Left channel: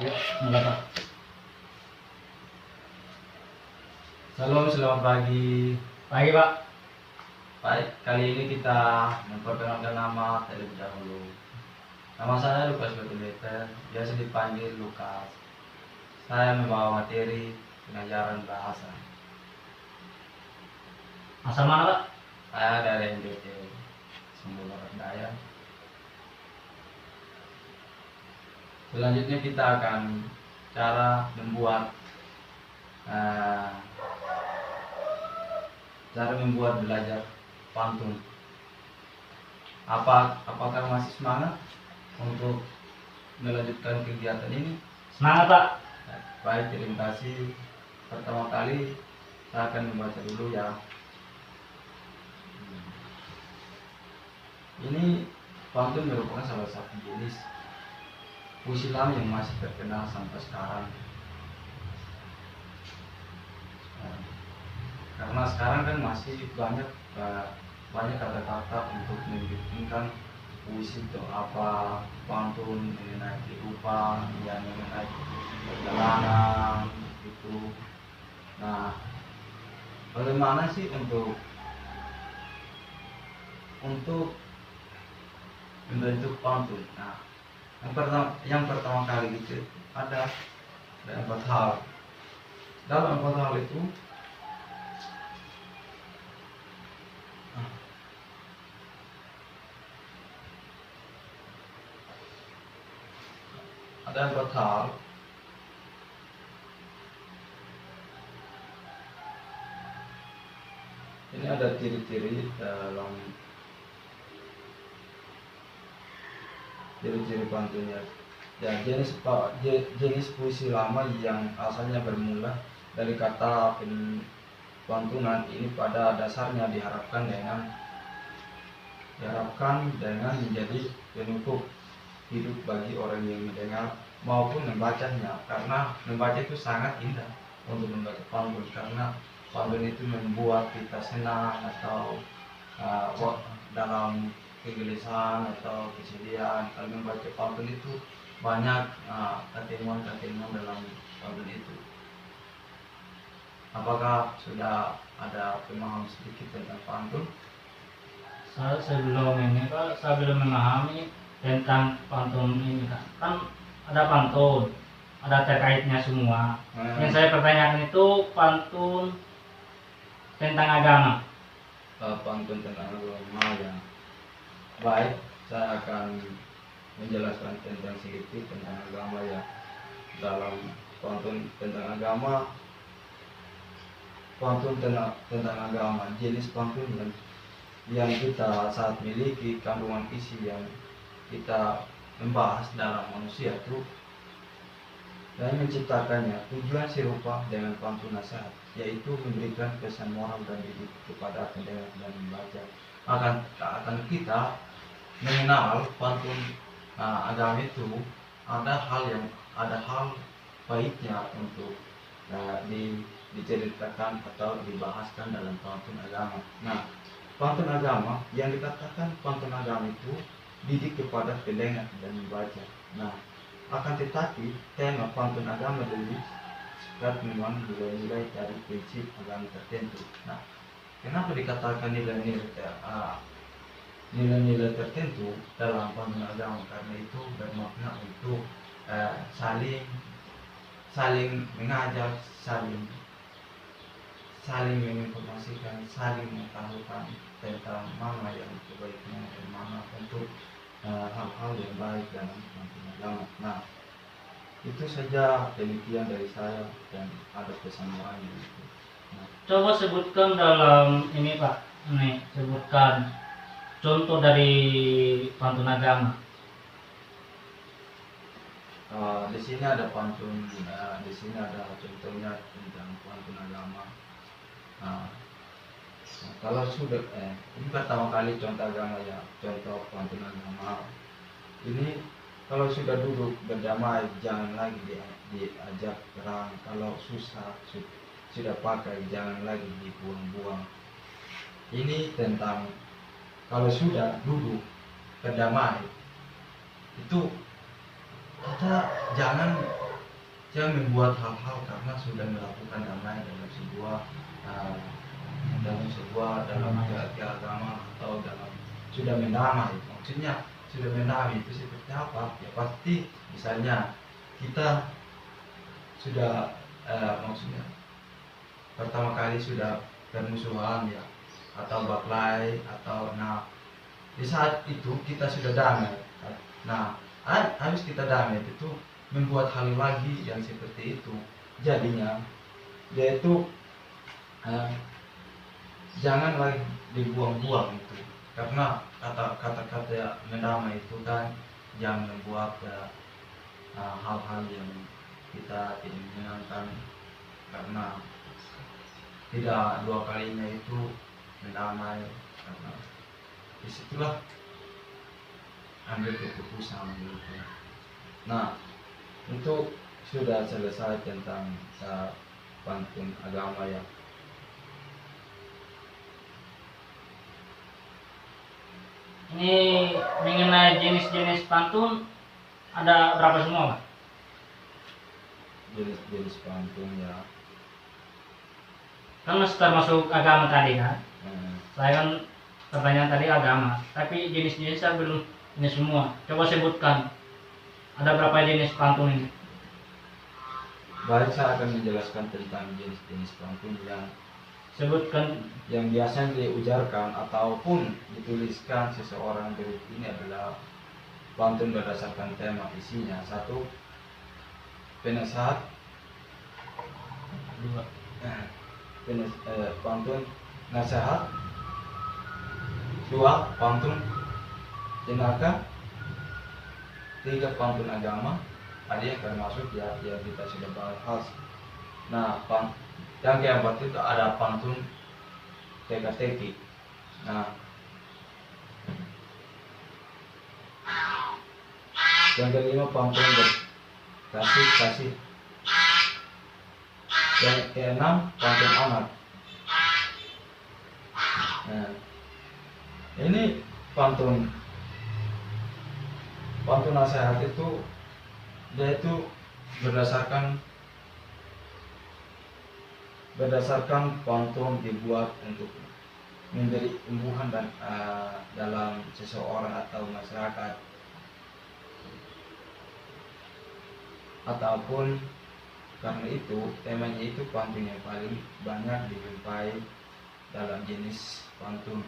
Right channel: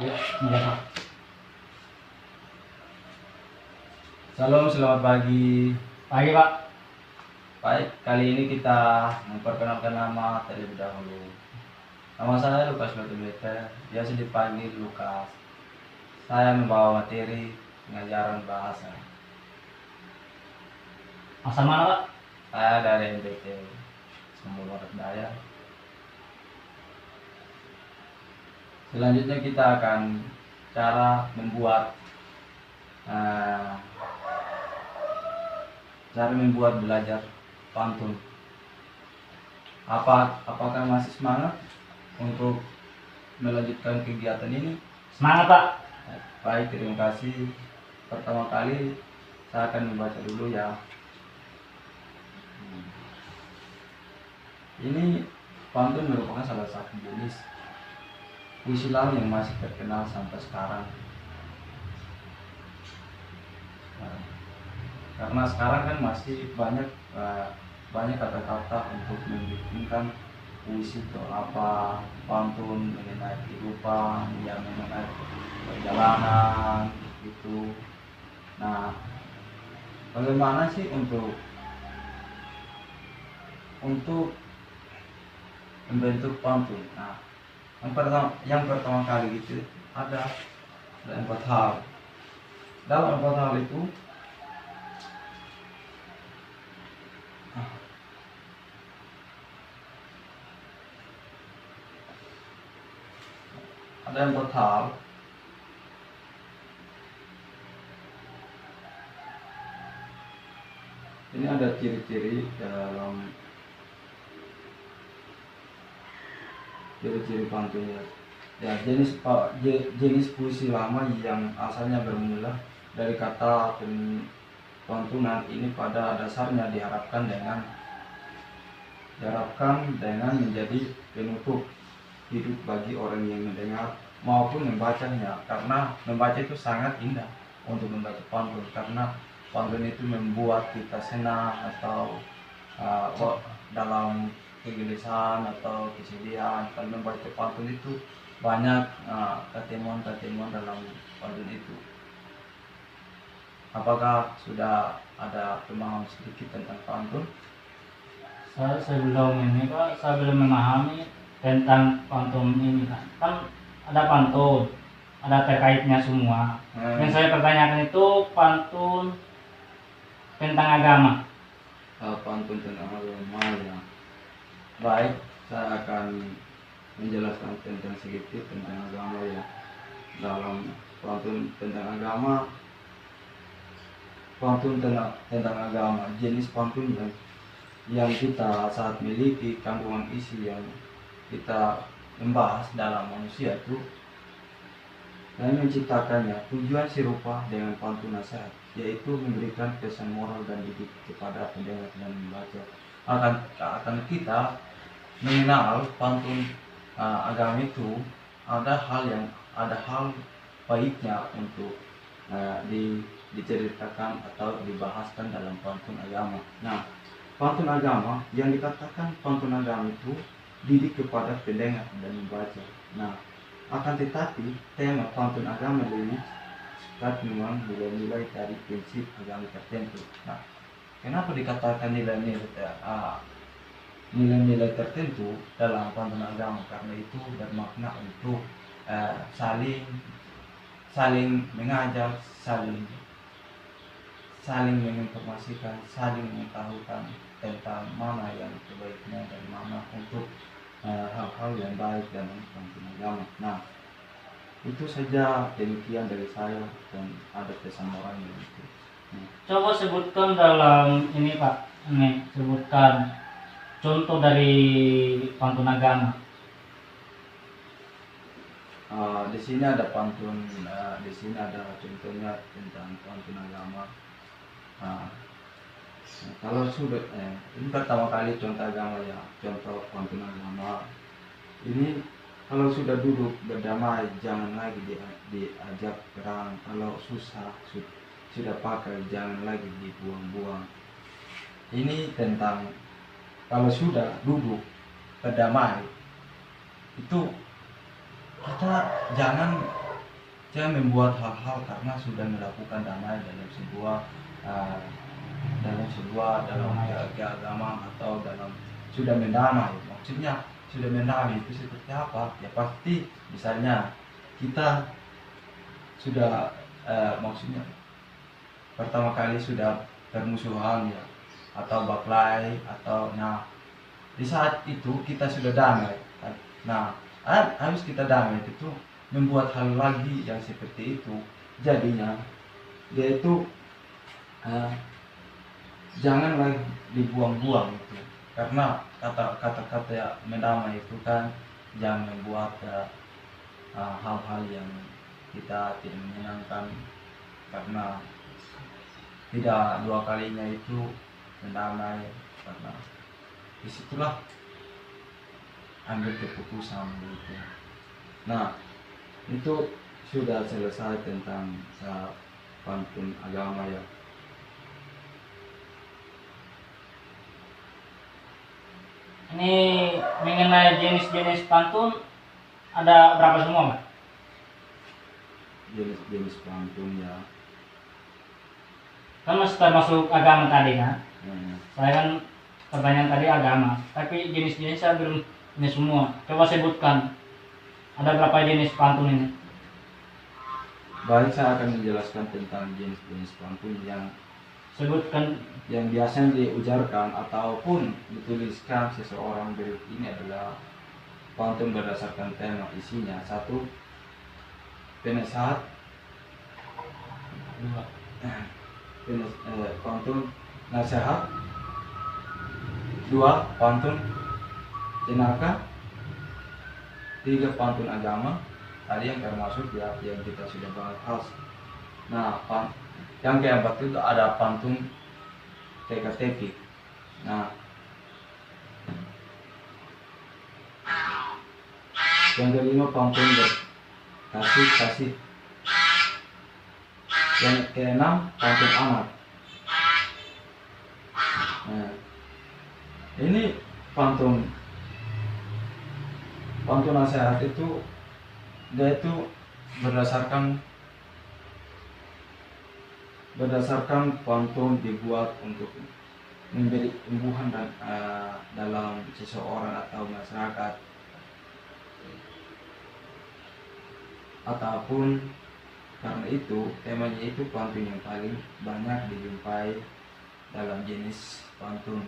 Ya, mulai Pak. Salam, selamat pagi. Pagi Pak. Baik, kali ini kita memperkenalkan nama terlebih dahulu. Nama saya Lukas Batumeter, biasa dipanggil Lukas. Saya membawa materi pengajaran bahasa. Asal mana Pak? Saya dari MDT Sumber Barat Daya. Selanjutnya kita akan cara membuat belajar pantun. Apakah masih semangat untuk melanjutkan kegiatan ini? Semangat Pak. Baik, terima kasih. Pertama kali saya akan membaca dulu ya. Ini pantun merupakan salah satu jenis puisi lama yang masih terkenal sampai sekarang. Karena sekarang kan masih banyak kata-kata untuk mendefinisikan puisi itu apa, pantun mengenai kehidupan, yang mengenai perjalanan itu. Nah, bagaimana sih untuk membentuk pantun? Nah, yang pertama kali itu ada 4 hal. Dalam 4 hal itu ada 4 hal. Ini ada ciri-ciri dalam ciri-ciri pantunnya. Ya, jenis puisi lama yang asalnya bermula dari kata pantunan ini pada dasarnya diharapkan dengan menjadi penutup hidup bagi orang yang mendengar maupun membacanya, karena membaca itu sangat indah untuk membaca pantun, karena pantun itu membuat kita senang atau dalam kegelisahan atau kesedihan. Kalau membaca pantun itu banyak ketemuan dalam pantun itu. Apakah sudah ada pemahaman sedikit tentang pantun? Saya belum memahami tentang pantun ini kan ada pantun, ada terkaitnya semua. Yang saya pertanyakan itu pantun tentang agama. Pantun tentang agama ya. Baik, saya akan menjelaskan sedikit tentang agama ya. Dalam pantun tentang agama, jenis pantun yang kita saat miliki, kandungan isi yang kita membahas dalam manusia itu, dan menciptakannya tujuan serupa dengan pantun nasihat, yaitu memberikan pesan moral dan didik kepada pendengar dan membaca. Akan kita mengenal pantun agama itu, ada hal baiknya untuk diceritakan atau dibahaskan dalam pantun agama. Nah, pantun agama yang dikatakan pantun agama itu didik kepada pendengar dan membaca. Nah, akan tetapi tema pantun agama dari sekat memang mulai dari prinsip agama tertentu. Nah, kenapa dikatakan nilai-nilai tertentu dalam pantun agama? Karena itu bermakna untuk saling mengajar, saling menginformasikan, saling mengetahukan tentang mana yang sebaiknya dan mana untuk hal-hal yang baik dalam pantun agama. Nah, itu saja demikian dari saya, dan ada pesan moralnya itu. Nah, Coba sebutkan dalam ini Pak, sebutkan contoh dari pantun agama. Di sini ada pantun, di sini ada contohnya tentang pantun agama. Kalau sudah ini pertama kali contoh agama ya, contoh pantun agama ini. Kalau sudah duduk berdamai, jangan lagi diajak perang. Kalau susah sudah pakai, jangan lagi dibuang-buang. Ini tentang kalau sudah duduk berdamai itu, kita jangan jangan membuat hal-hal karena sudah melakukan damai dalam keagamaan atau dalam sudah mendamai. Maksudnya sudah mendamai itu seperti apa? Ya pasti misalnya kita sudah maksudnya pertama kali sudah bermusuhan ya, atau baklai atau di saat itu kita sudah damai kan. Habis kita damai itu membuat hal lagi yang seperti itu, jadinya dia itu janganlah dibuang-buang itu, karena kata-kata mendamai itu kan jangan membuat hal-hal yang kita tidak menyenangkan, karena tidak dua kalinya itu mendamai, karena disitulah ambil keputusan gitu. Itu sudah selesai tentang pantun agama ya. Ini mengenai jenis-jenis pantun ada berapa semua, Pak? Jenis-jenis pantun ya. Kan masih termasuk agama tadi kan? Saya kan pertanyaan tadi agama, tapi jenis-jenis saya belum ini semua. Coba sebutkan, ada berapa jenis pantun ini? Baik, saya akan menjelaskan tentang jenis-jenis pantun yang Sebutkan. yang biasanya diujarkan ataupun dituliskan seseorang. Berikut ini adalah pantun berdasarkan tema isinya. 1. Penasehat. 2. Pantun nasihat. 2. Pantun jenaka. 3. Pantun agama. Tadi yang termasuk ya yang kita sudah bahas. Yang keempat itu ada pantun teka-teki. Yang kelima pantun kasih. Yang keenam pantun anak. Ini pantun nasihat itu dia itu berdasarkan pantun dibuat untuk memberi imbuhan dan dalam seseorang atau masyarakat, ataupun karena itu temanya itu pantun yang paling banyak dijumpai dalam jenis pantun.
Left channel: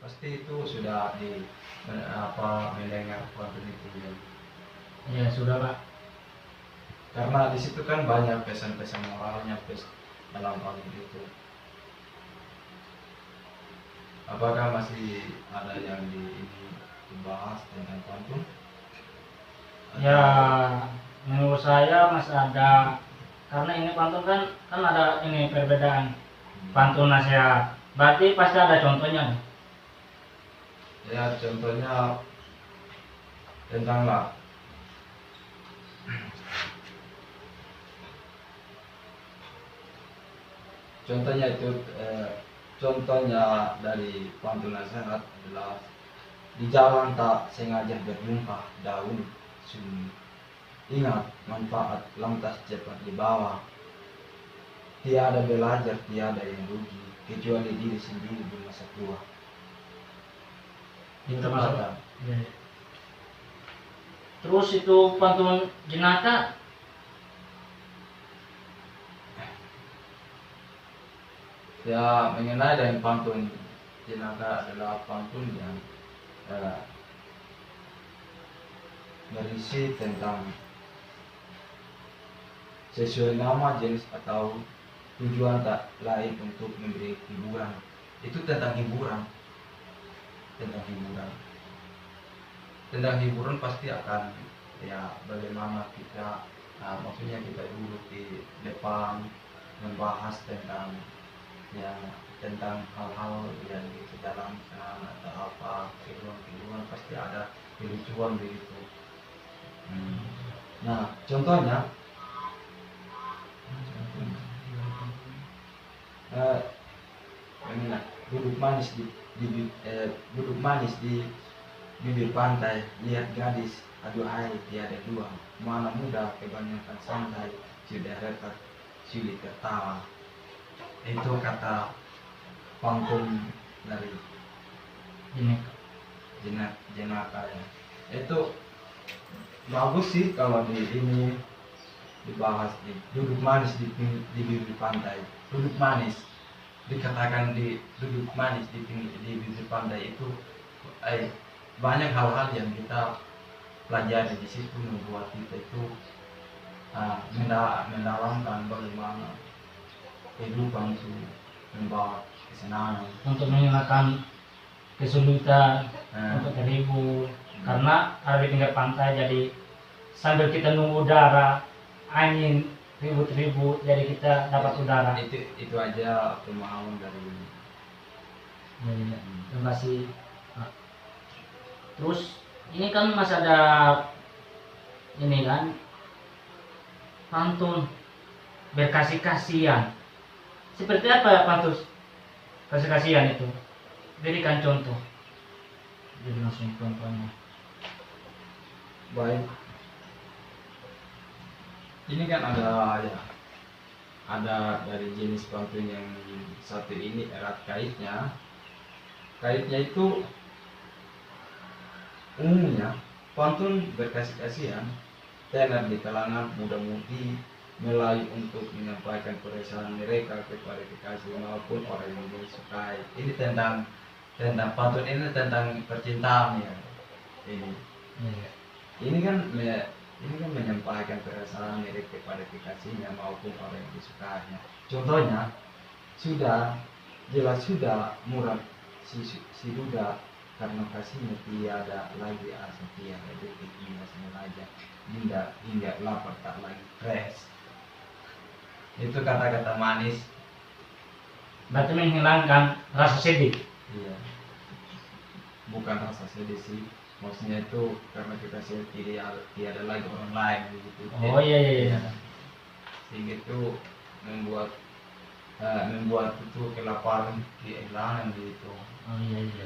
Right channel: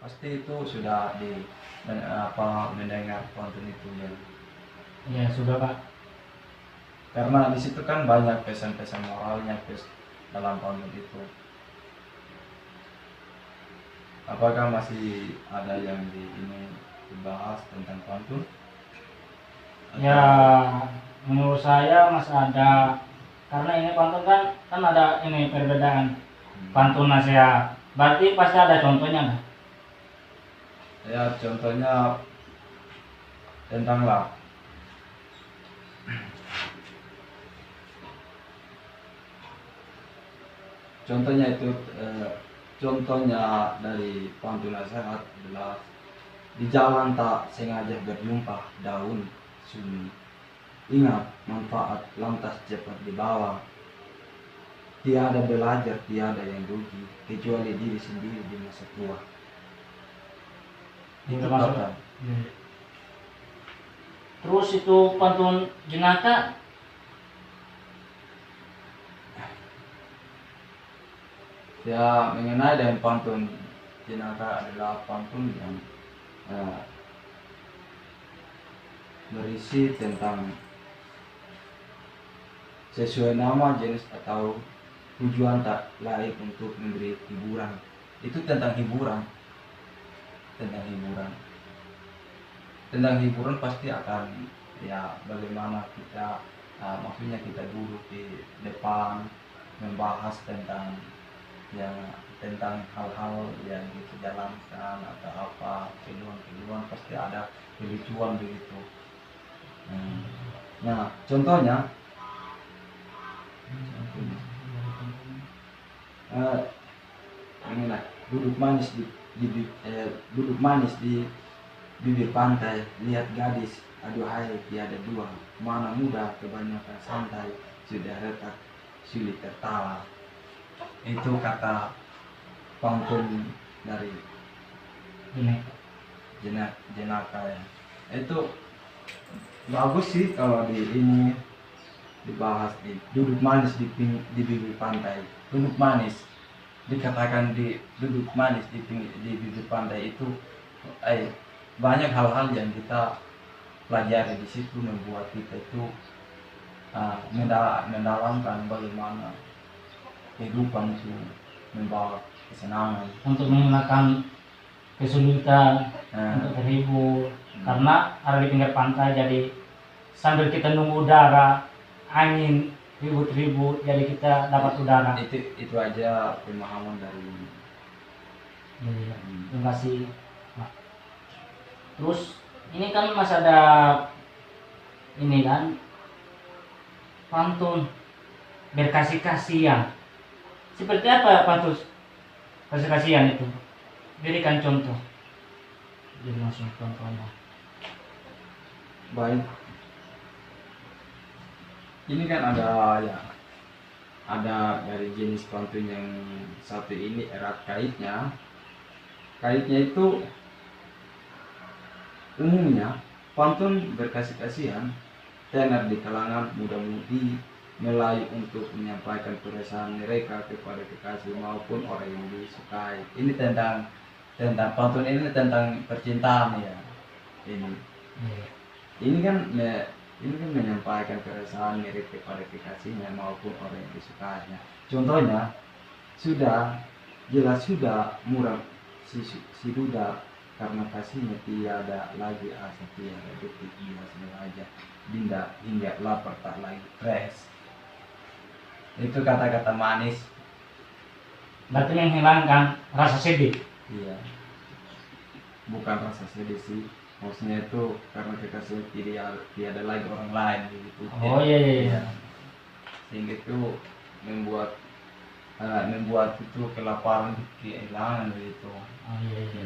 Pasti itu sudah mendengar pantun itu ya. Ya sudah, Pak. Karena di situ kan banyak pesan-pesan moralnya dalam pantun itu. Apakah masih ada yang dibahas tentang pantun? Ya, menurut saya masih ada, karena ini pantun kan ada ini perbedaan pantun nasihat. Berarti pasti ada contohnya. Ya, contohnya tentang contohnya itu contohnya dari pantun nasihat adalah di jalan tak sengaja berjumpa daun sunyi, ingat manfaat lantas cepat dibawa, tiada belajar tiada yang rugi kecuali diri sendiri di masa tua. Itu kata. Terus itu pantun jenaka. Ya, mengenai dengan pantun jenaka adalah pantun yang berisi tentang sesuai nama, jenis atau tujuan tak lain untuk memberi hiburan. Itu tentang hiburan. Tentang hiburan pasti akan ya bagaimana kita maksudnya kita duduk di depan membahas tentang hal-hal yang kita jalankan atau apa, kehidupan pasti ada kelucuan begitu. Contohnya duduk manis di bibir pantai, lihat gadis aduhai tiada dua, mana muda kebanyakan santai, sudah retak sulit tertawa. Itu kata pantun dari Ini Jenaka ya. Itu bagus sih kalau di ini dibahas di duduk manis di bibir pantai. Duduk manis dikatakan di duduk manis di bibir pantai itu banyak hal-hal yang kita pelajari di situ membuat kita itu mendalamkan bagaimana kehidupan itu membawa kesenangan untuk menghilangkan kesulitan, untuk terhibur. Karena ada di pinggir pantai, jadi sambil kita nunggu udara, angin ribut-ribut, jadi kita dapat udara. Itu aja pemahaman dari ini. Iya, terima kasih Pak. Terus ini kan masih ada ini kan pantun berkasih kasihan. Seperti apa pantun kasih kasihan itu? Berikan contoh. Jadi langsung contohnya. Baik. Ini kan ada dari jenis pantun yang satu ini erat kaitnya. Kaitnya itu umumnya pantun berkasih kasihan tenar di kalangan muda-mudi Melayu untuk menyampaikan perasaan mereka kepada kekasih maupun orang yang disukai. Ini tentang pantun ini tentang percintaan ya. Ini kan menyampaikan perasaan mirip kepada kekasihnya maupun orang yang disukainya. Contohnya jelas sudah murah si duda karena kasihnya tiada lagi asa, tiada detik hingga sengaja dinda hingga lapar tak lagi fresh. Itu kata-kata manis. Berarti menghilangkan rasa sedih. Iya. Bukan rasa sedih sih. Maksudnya itu karena kekasih tiada lagi orang lain gitu. Oh iya. Sehingga itu membuat itu kelaparan kehilangan gitu. Oh iya.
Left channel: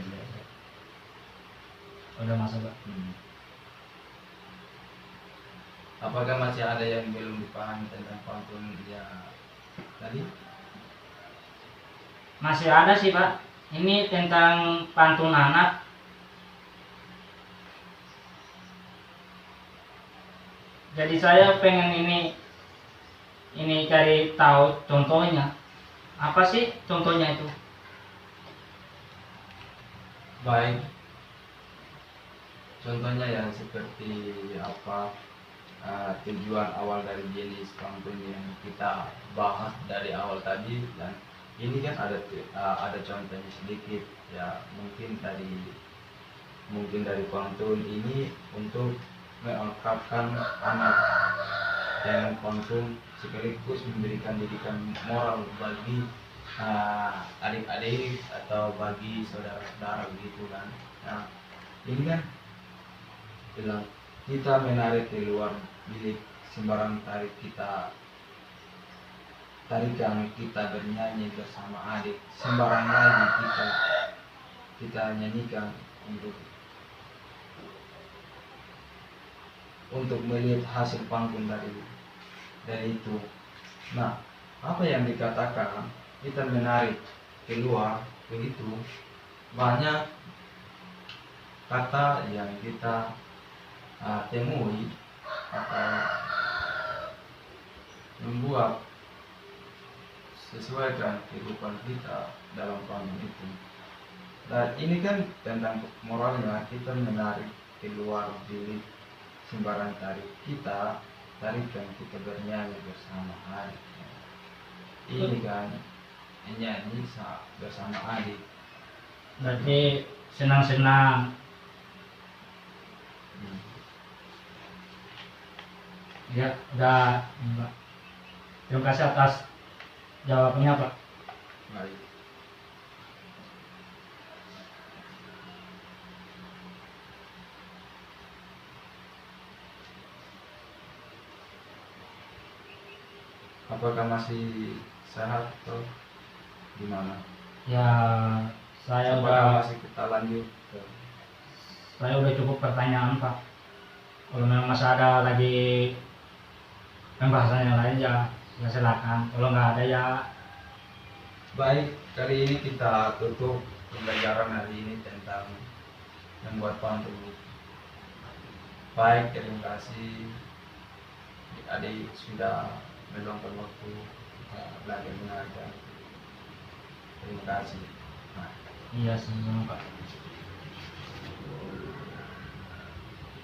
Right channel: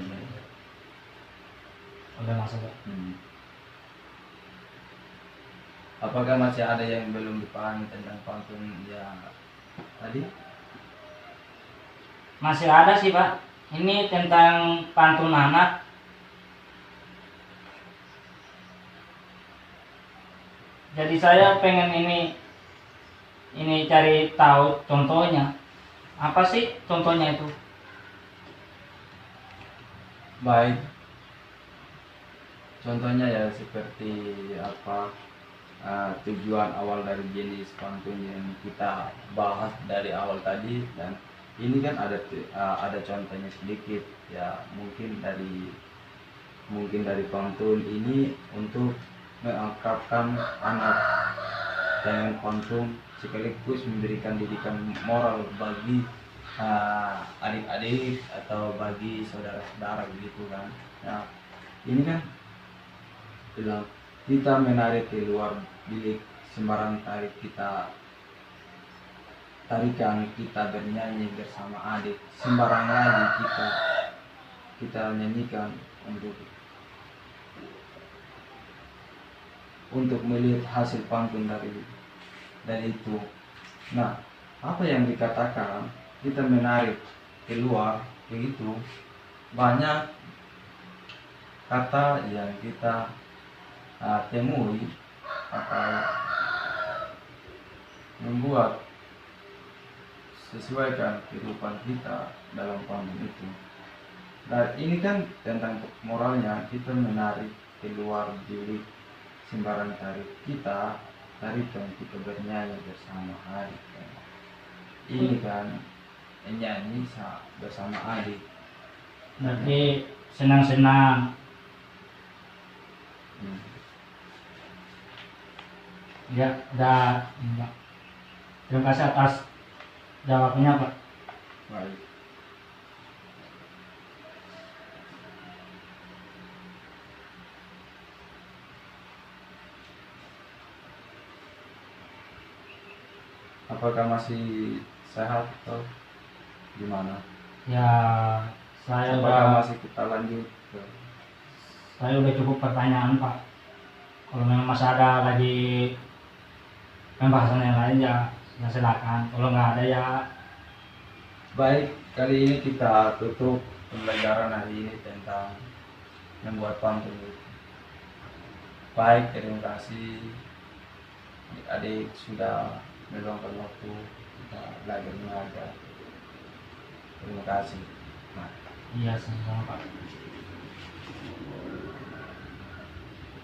Udah masuk Pak. Apakah masih ada yang belum dipahami tentang pantun ya tadi? Masih ada sih Pak. Ini tentang pantun anak. Jadi saya pengen ini cari tahu contohnya. Apa sih contohnya itu? Baik. Contohnya ya seperti apa tujuan awal dari jenis pantun yang kita bahas dari awal tadi, dan ini kan ada contohnya sedikit ya, mungkin dari pantun ini untuk mengangkatkan anak dengan pantun sekaligus memberikan didikan moral bagi adik-adik atau bagi saudara-saudara begitu kan. Nah ini kan bilang kita menarik keluar bilik sembarang tarikan kita bernyanyi bersama adik sembarang lagi kita nyanyikan untuk melihat hasil pantun dari itu. Nah, apa yang dikatakan kita menarik keluar begitu, banyak kata yang kita temui atau membuat sesuaikan kehidupan kita dalam pantun itu. Dan ini kan tentang moralnya, kita menarik keluar bilik sembarang tarikan kita bernyanyi bersama adik. Ini kan nyanyi bersama adik. Berarti senang-senang. Ya, udah Pak. Terima kasih atas jawabnya Pak. Baik. Apakah masih sehat atau gimana? Ya, saya Apakah udah masih kita lanjut? cukup pertanyaan Pak. Kalau memang masih ada lagi pembahasan yang lain ya silakan. Kalau nggak ada ya Baik, kali ini kita tutup pembelajaran hari ini tentang membuat pantun. Baik, terima kasih adik-adik sudah meluangkan waktu kita belajar mengajar. Terima kasih. Nah. iya sama-sama Pak.